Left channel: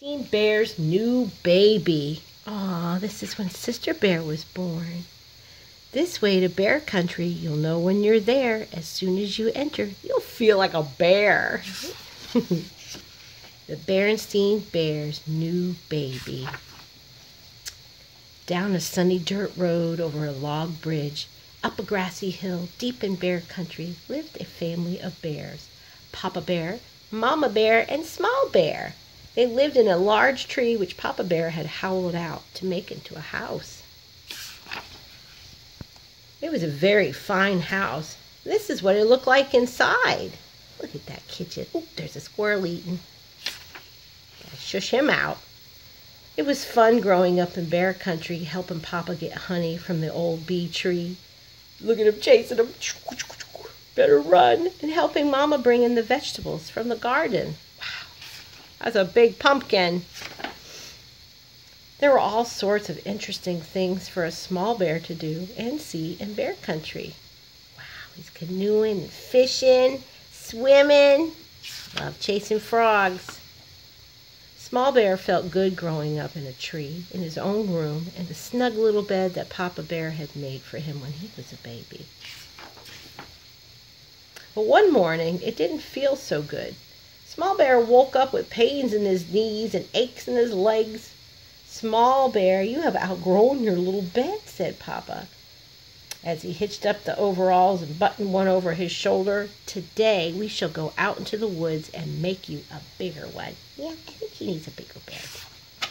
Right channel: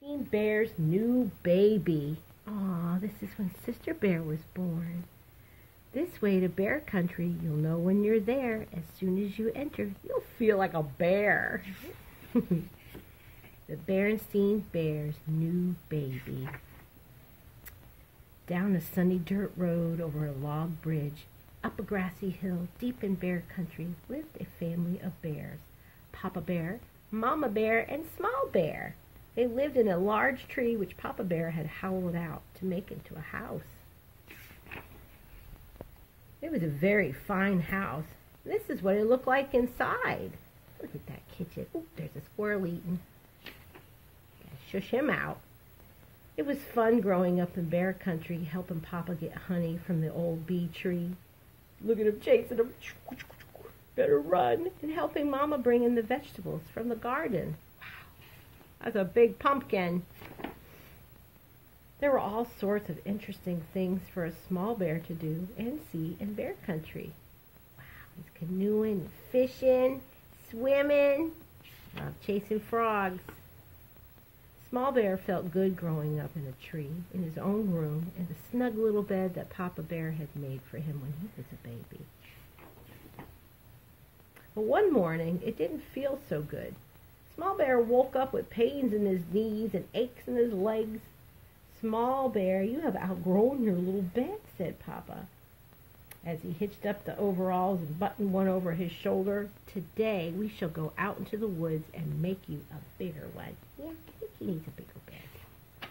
Seen Bear's new baby. Aw, this is when Sister Bear was born. This way to bear country, you'll know when you're there. As soon as you enter, you'll feel like a bear. The Berenstain Bear's new baby. Down a sunny dirt road over a log bridge, up a grassy hill, deep in bear country, lived a family of bears. Papa Bear, Mama Bear, and Small Bear. They lived in a large tree which Papa Bear had hollowed out to make into a house. It was a very fine house. This is what it looked like inside. Look at that kitchen. Oh, there's a squirrel eating. Gotta shush him out. It was fun growing up in bear country, helping Papa get honey from the old bee tree. Look at him chasing him. Better run. And helping Mama bring in the vegetables from the garden. That's a big pumpkin. There were all sorts of interesting things for a small bear to do and see in bear country. Wow, he's canoeing and fishing, swimming. Love chasing frogs. Small Bear felt good growing up in a tree, in his own room, in the snug little bed that Papa Bear had made for him when he was a baby. But one morning, it didn't feel so good. Small Bear woke up with pains in his knees and aches in his legs. Small Bear, you have outgrown your little bed, said Papa, as he hitched up the overalls and buttoned one over his shoulder. Today we shall go out into the woods and make you a bigger one. Yeah, I think he needs a bigger bed.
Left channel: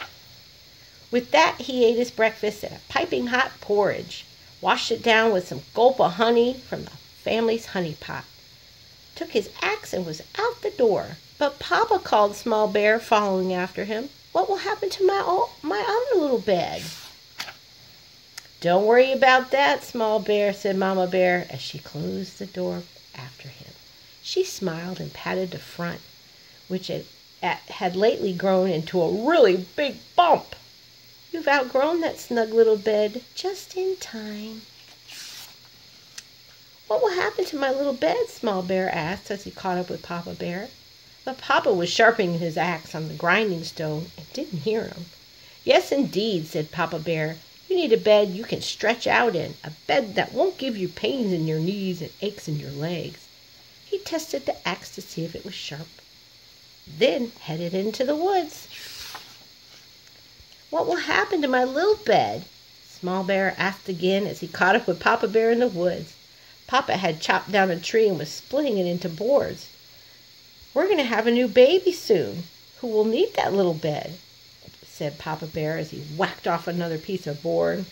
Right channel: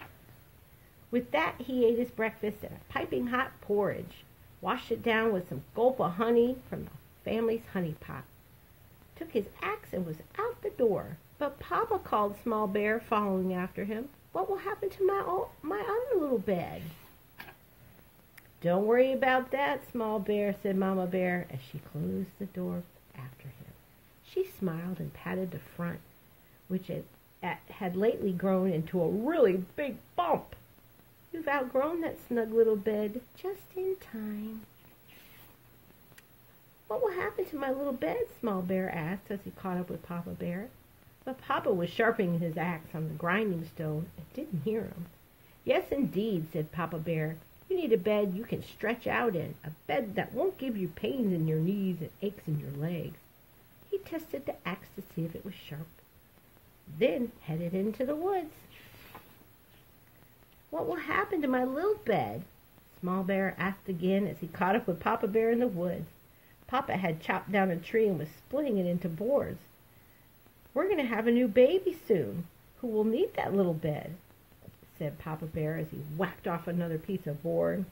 With that, he ate his breakfast and a piping hot porridge, washed it down with some gulp of honey from the family's honey pot, took his axe and was out the door. But Papa called Small Bear, following after him. What will happen to my other little bed? Don't worry about that, Small Bear, said Mama Bear as she closed the door after him. She smiled and patted the front, which had lately grown into a really big bump. You've outgrown that snug little bed just in time. What will happen to my little bed? Small Bear asked as he caught up with Papa Bear. But Papa was sharpening his axe on the grinding stone and didn't hear him. Yes, indeed, said Papa Bear. You need a bed you can stretch out in, a bed that won't give you pains in your knees and aches in your legs. He tested the axe to see if it was sharp, then headed into the woods. What will happen to my little bed? Small Bear asked again as he caught up with Papa Bear in the woods. Papa had chopped down a tree and was splitting it into boards. We're going to have a new baby soon, who will need that little bed, said Papa Bear as he whacked off another piece of board.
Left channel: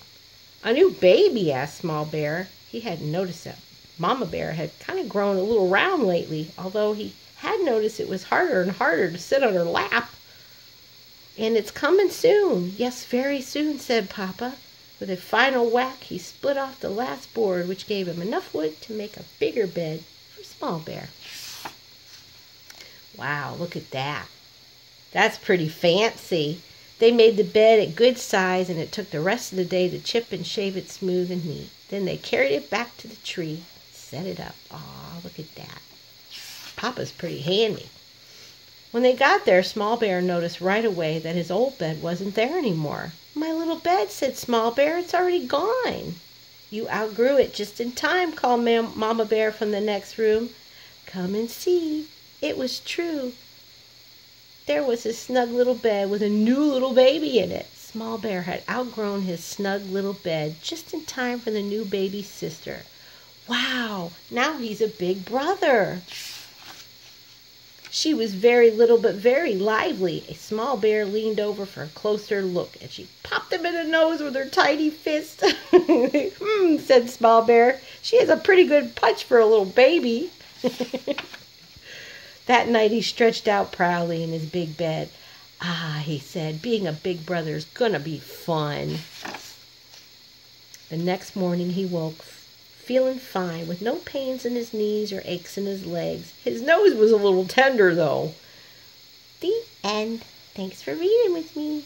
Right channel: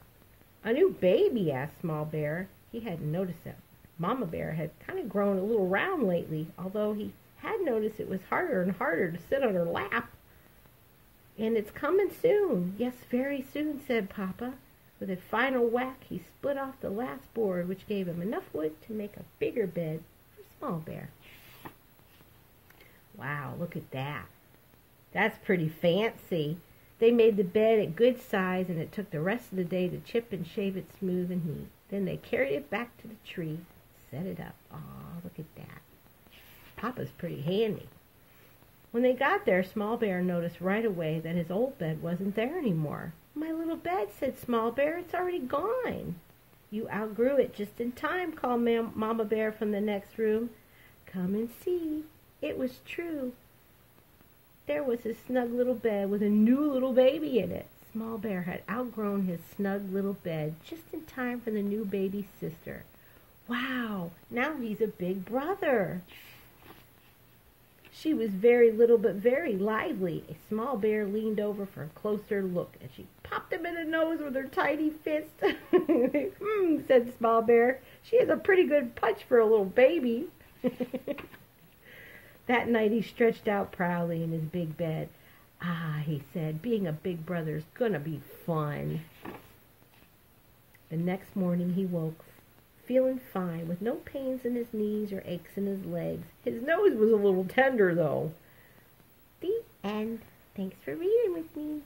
A new baby? Asked Small Bear. He hadn't noticed that Mama Bear had kind of grown a little round lately, although he had noticed it was harder and harder to sit on her lap. And it's coming soon. Yes, very soon, said Papa. With a final whack, he split off the last board, which gave him enough wood to make a bigger bed for Small Bear. Wow, look at that. That's pretty fancy. They made the bed a good size, and it took the rest of the day to chip and shave it smooth and neat. Then they carried it back to the tree, set it up. Aw, look at that. Papa's pretty handy. When they got there, Small Bear noticed right away that his old bed wasn't there anymore. My little bed, said Small Bear, it's already gone. You outgrew it just in time, called Mama Bear from the next room. Come and see. It was true. There was his snug little bed with a new little baby in it. Small Bear had outgrown his snug little bed just in time for the new baby's sister. Wow, now he's a big brother. She was very little but very lively. A Small Bear leaned over for a closer look, and she popped him in the nose with her tiny fist. Said Small Bear. She has a pretty good punch for a little baby. That night he stretched out proudly in his big bed. Ah, he said, being a big brother's gonna be fun. The next morning he woke feeling fine, with no pains in his knees or aches in his legs. His nose was a little tender, though. The end. Thanks for reading with me.